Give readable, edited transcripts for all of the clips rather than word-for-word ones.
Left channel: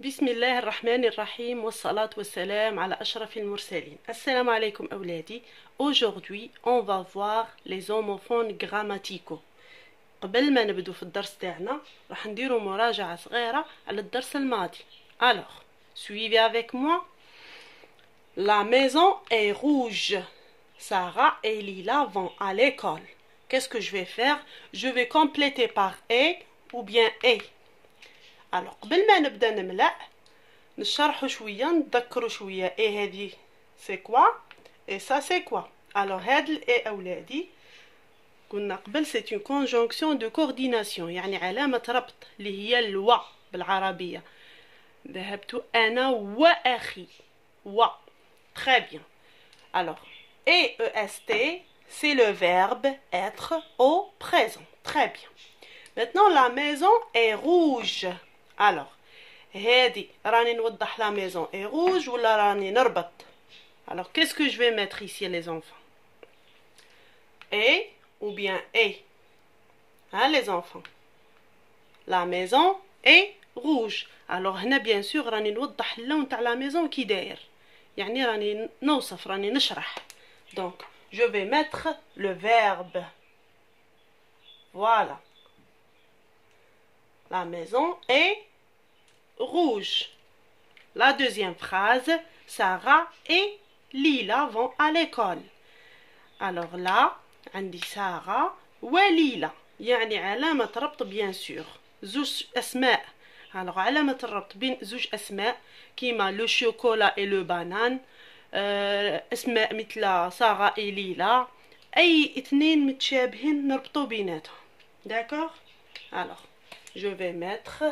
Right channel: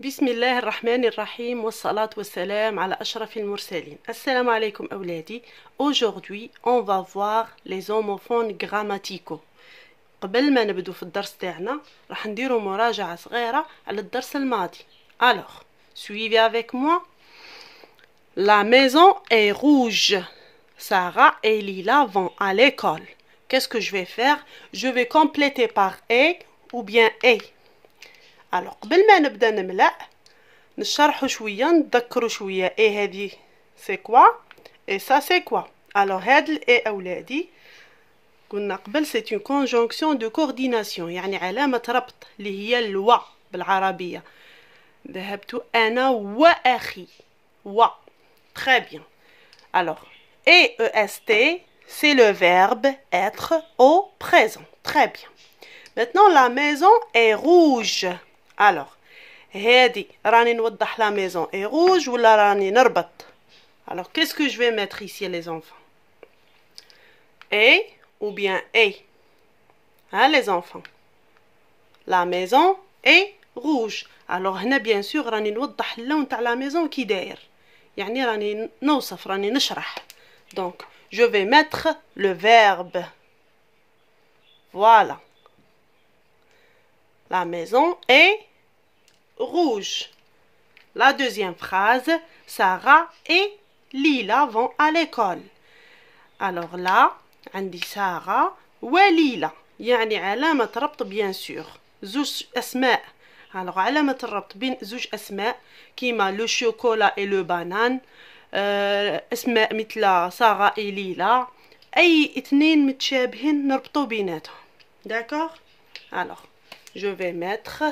بسم الله الرحمن الرحيم والصلاة والسلام على أشرف المرسلين. السلام عليكم أولادي. Aujourd'hui, on va voir les homophones grammaticaux. قبل ما نبدو في الدرس تاعنا راح نديرو مراجعة صغيرة على الدرس الماضي. Alors, suivez avec moi. La maison est rouge. Sarah et Lila vont à l'école. Qu'est-ce que je vais faire? Je vais compléter par et ou bien et. Alors قبل ما نبدا نملأ نشرحوا شويه نذكروا شويه ايه هذه سي كوا اي سا سي كوا. alors هاد الاي اولادي قلنا قبل سي اون كونجونكسيون دو كورديناسيون يعني علامه ربط اللي هي الوا بالعربيه. ذهبت انا واخي و très bien. alors EST c'est le verbe être au présent. très bien. maintenant la maison est rouge. alors هادي راني نوضح la maison est rouge ولا راني نربط. alors qu'est-ce que je vais mettre ici les enfants? Et ou bien et? hein les enfants? la maison est rouge. alors هنا bien sûr راني نوضح اللون تاع la maison كي داير يعني راني نوصف راني نشرح. donc je vais mettre le verbe. voilà. la maison est rouge. La deuxième phrase, Sarah et Lila vont à l'école. alors là عندي سارة وليلى يعني علامة ربط bien sûr زوج أسماء. alors علامة الربط بين زوج أسماء كيما لو شوكولا et le banane. أسماء مثل سارة et ليلى أي اثنين متشابهين نربطو بيناتهم. d'accord. alors je vais mettre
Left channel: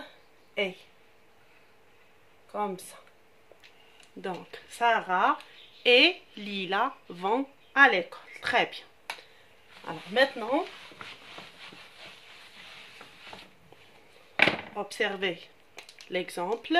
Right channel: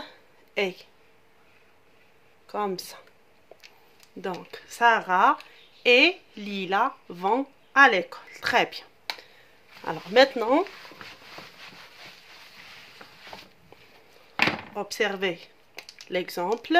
et comme ça. donc Sarah et Lila vont à l'école. très bien. alors maintenant observez l'exemple.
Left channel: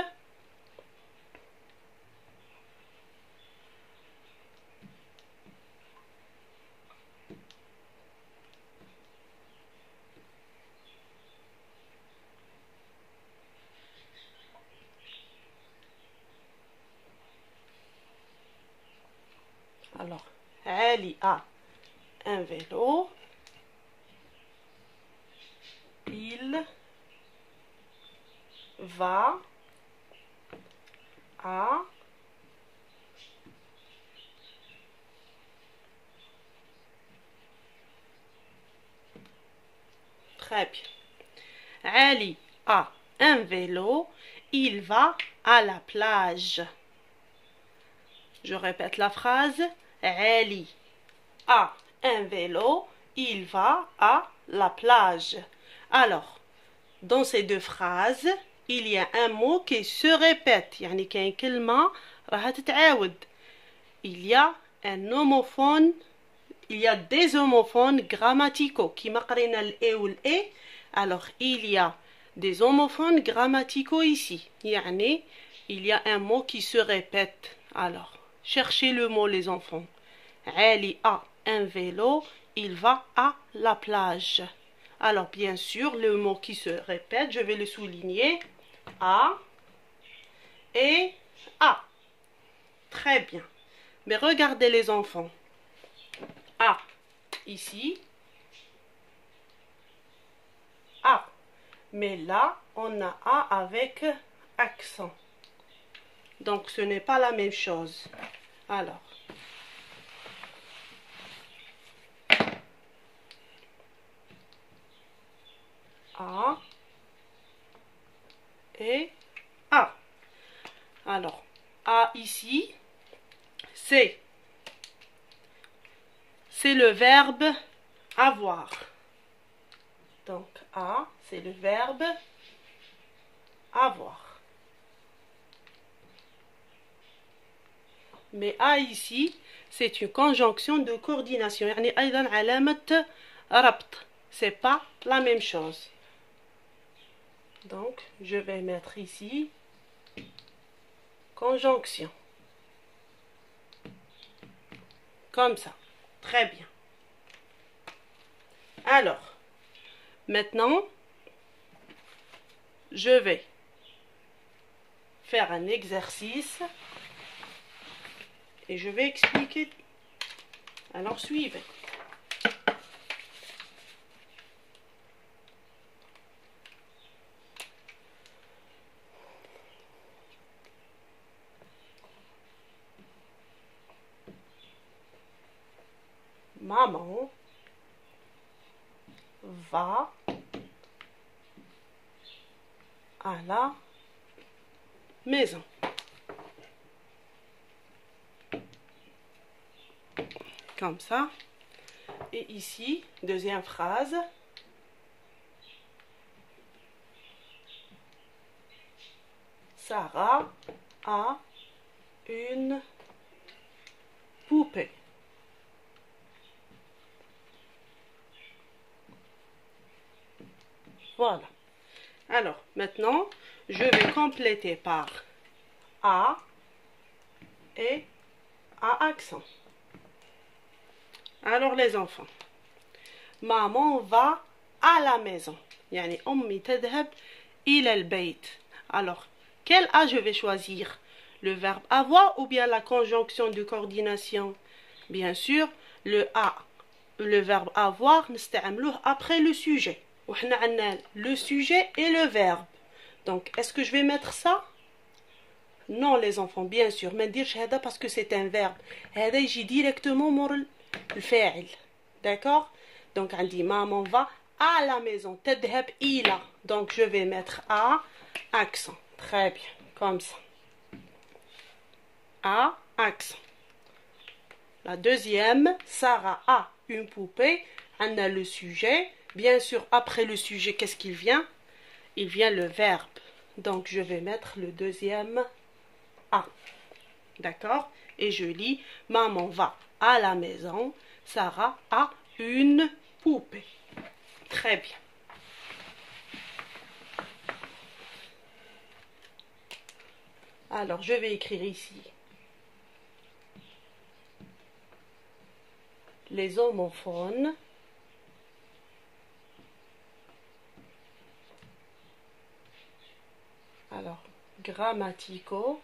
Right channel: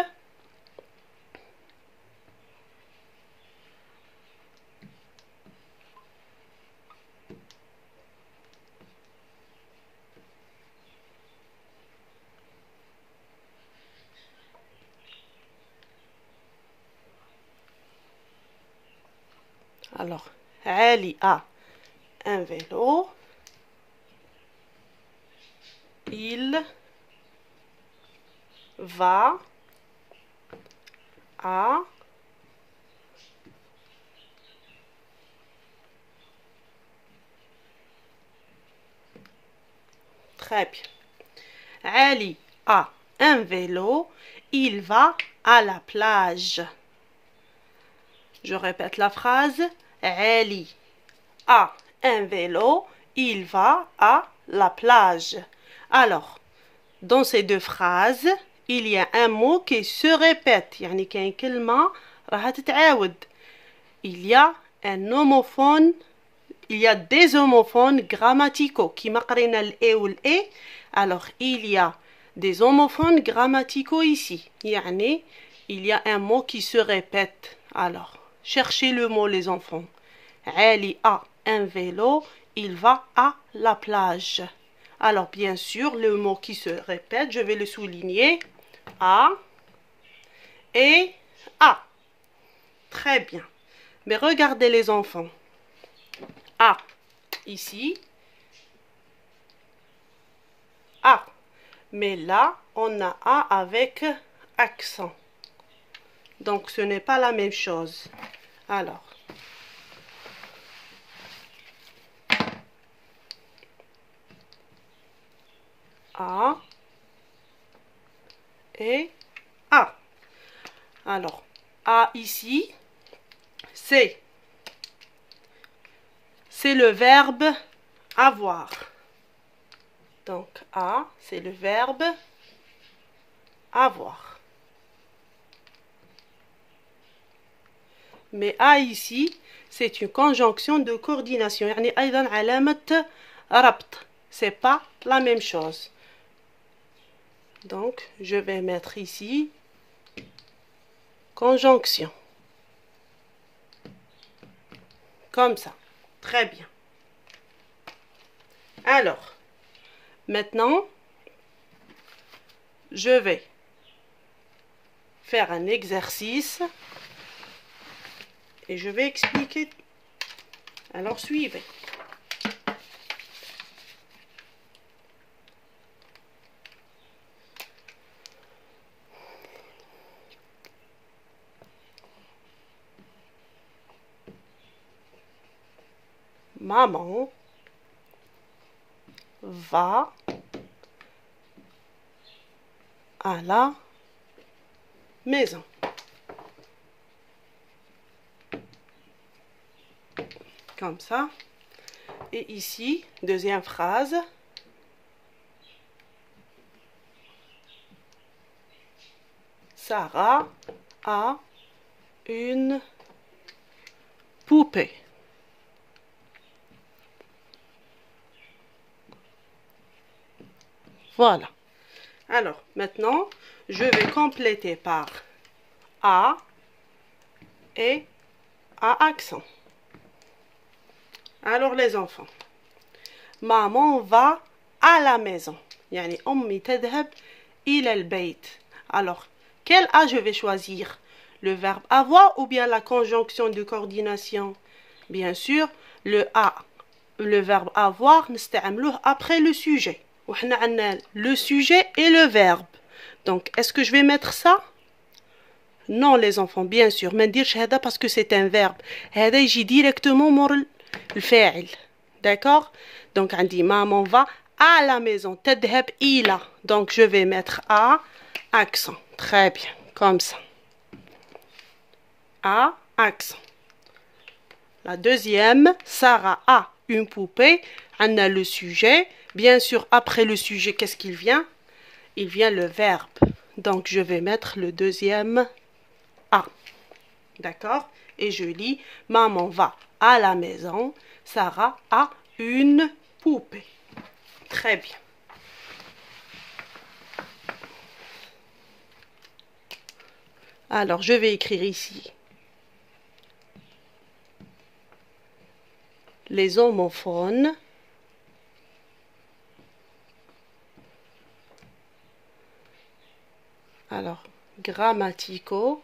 alors Ali a un vélo. il va à très bien. Ali a un vélo. il va à la plage. je répète la phrase. Ali a un vélo. il va à la plage. alors dans ces deux phrases il y a un mot qui se répète يعني كاين كلمة راها تتعاود. il y a un homophone. il y a des homophones grammaticaux كيما قرينا الاي والاي. alors il y a des homophones grammaticaux ici يعني il y a un mot qui se répète. alors cherchez le mot les enfants. Ali a un vélo. il va à la plage. alors bien sûr le mot qui se répète je vais le souligner. a et a. très bien. mais regardez les enfants. a ici. a. mais là on a a avec accent. donc ce n'est pas la même chose. alors a et a. alors a ici c'est le verbe avoir. donc a c'est le verbe avoir. mais a ici c'est une conjonction de coordination يعني أيضا علامة ربط. c'est pas la même chose. donc je vais mettre ici conjonction comme ça. très bien. alors maintenant je vais faire un exercice et je vais expliquer. Alors suivez. Maman va à la maison. Comme ça. Et ici, deuxième phrase. Sarah a une poupée. Voilà. Alors, maintenant, je vais compléter par A et A accent. Alors, les enfants. Maman va à la maison. يعني أمي تذهب إلى البيت. Alors, quel A je vais choisir? Le verbe avoir ou bien la conjonction de coordination? Bien sûr, le A, le verbe avoir, نستعملوه après le sujet. وحنا عندنا le sujet et le verbe. Donc, est-ce que je vais mettre ça? Non, les enfants, bien sûr. ما نديرش هذا parce que c'est un verbe. هذا يجي directement مور الفاعل. D'accord? Donc, عندي maman va à la maison. تذهب إلى. Donc, je vais mettre A, accent. Très bien. Comme ça. A, accent. La deuxième, Sarah a une poupée. On a le sujet. Bien sûr, après le sujet, qu'est-ce qu'il vient? Il vient le verbe. Donc, je vais mettre le deuxième A. D'accord? Et je lis, maman va à la maison. Sarah a une poupée. Très bien. Alors, je vais écrire ici les homophones. Alors, grammaticaux.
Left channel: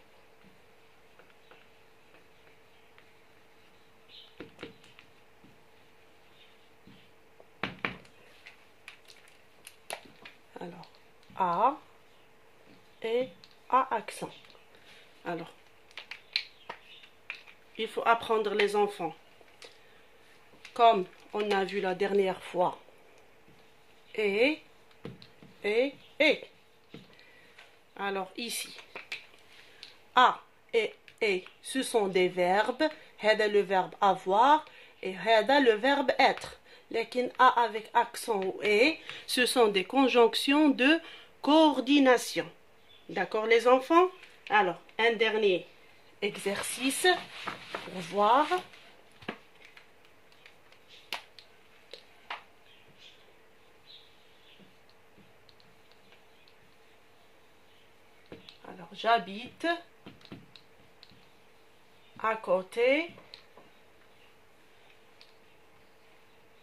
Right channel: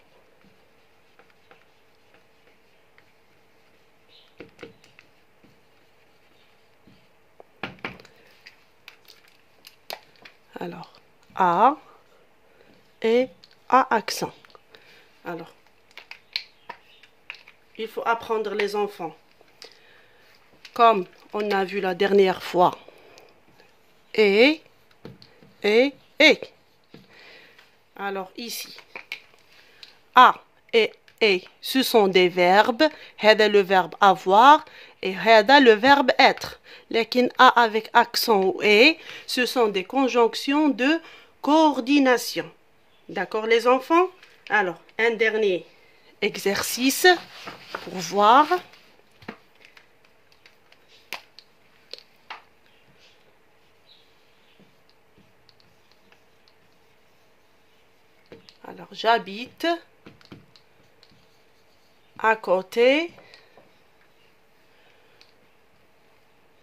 Alors, A et A accent. Alors, il faut apprendre les enfants. Comme on a vu la dernière fois. Et. Alors, ici. A et ce sont des verbes. هذا le verbe avoir et هذا le verbe être. لكن A avec accent ou et, ce sont des conjonctions de coordination. D'accord les enfants? Alors, un dernier exercice pour voir. Alors, j'habite à côté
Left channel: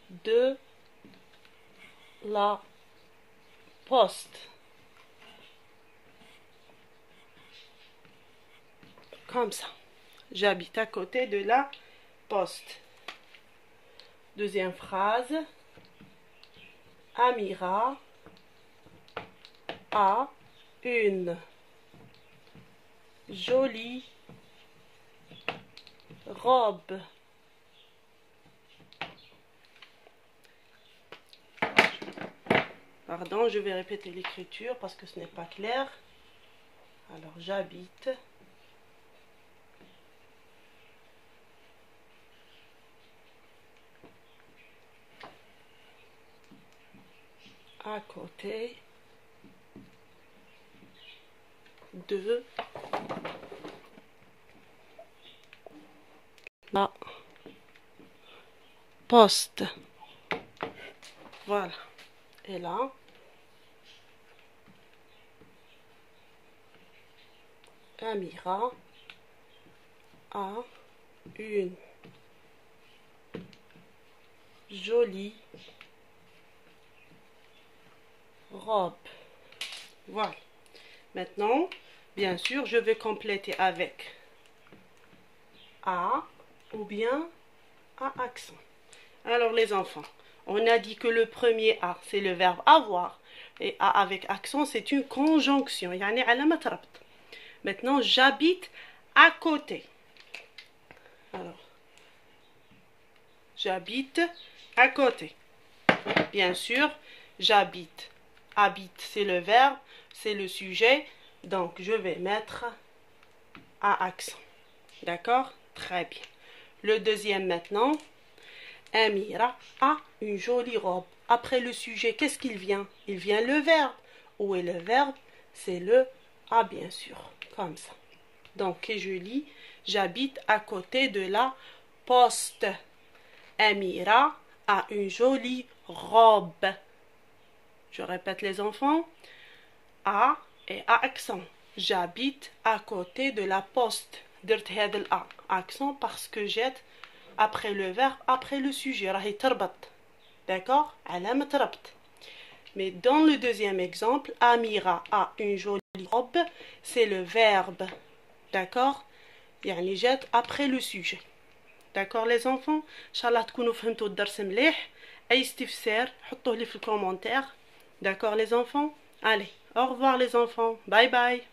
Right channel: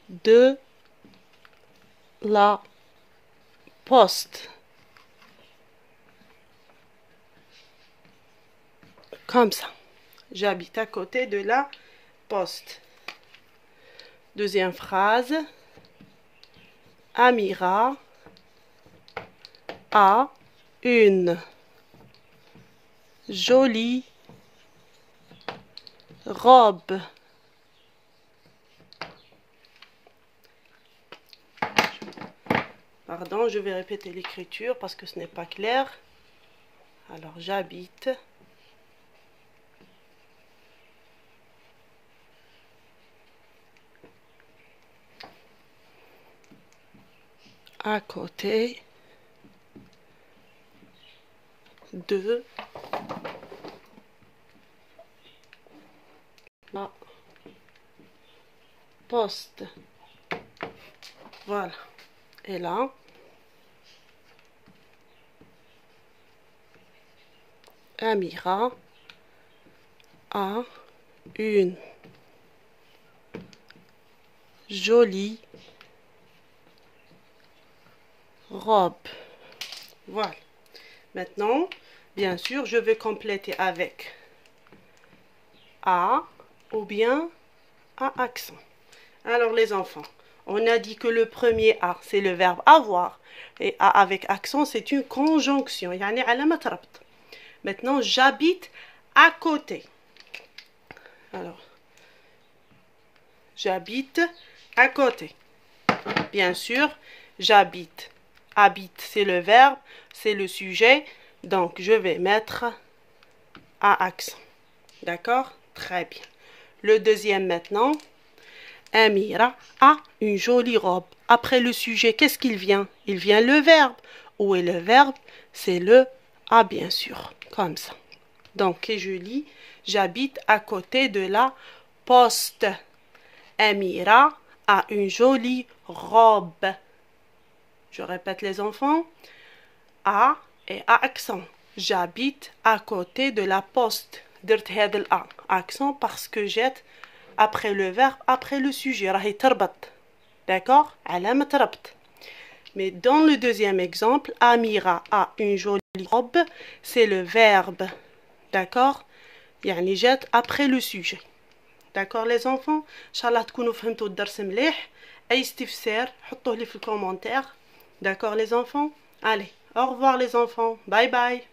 de la poste. Comme ça. J'habite à côté de la poste. Deuxième phrase. Amira a une jolie robe. Pardon, je vais répéter l'écriture parce que ce n'est pas clair. Alors, j'habite à côté de la poste. Voilà. Et là, Amira a une jolie robe. Voilà. Maintenant, Bien sûr, je vais compléter avec A ou bien A accent. Alors les enfants, on a dit que le premier A, c'est le verbe avoir. Et A avec accent, c'est une conjonction. يعني علامة ربط. Maintenant, j'habite à côté. Alors, j'habite à côté. Bien sûr, j'habite. Habite, c'est le verbe, c'est le sujet. Donc, je vais mettre A accent. D'accord? Très bien. Le deuxième maintenant. Amira a une jolie robe. Après le sujet, qu'est-ce qu'il vient? Il vient le verbe. Où est le verbe? C'est le A, bien sûr. Comme ça. Donc, et je lis, j'habite à côté de la poste. Amira a une jolie robe. Je répète les enfants. A et A accent. J'habite à côté de la poste. درت هذا الأ accent parce que jette après le verbe, après le sujet. راهي تربط. D'accord? علامة ربط. Mais dans le deuxième exemple, Amira a une jolie robe, c'est le verbe. D'accord? يعني jette après le sujet. D'accord les enfants? إن شاء الله تكونوا فهمتوا الدرس مليح. أي استفسار حطوه لي في الكومنتير. D'accord les enfants? Allez, au revoir les enfants. Bye bye.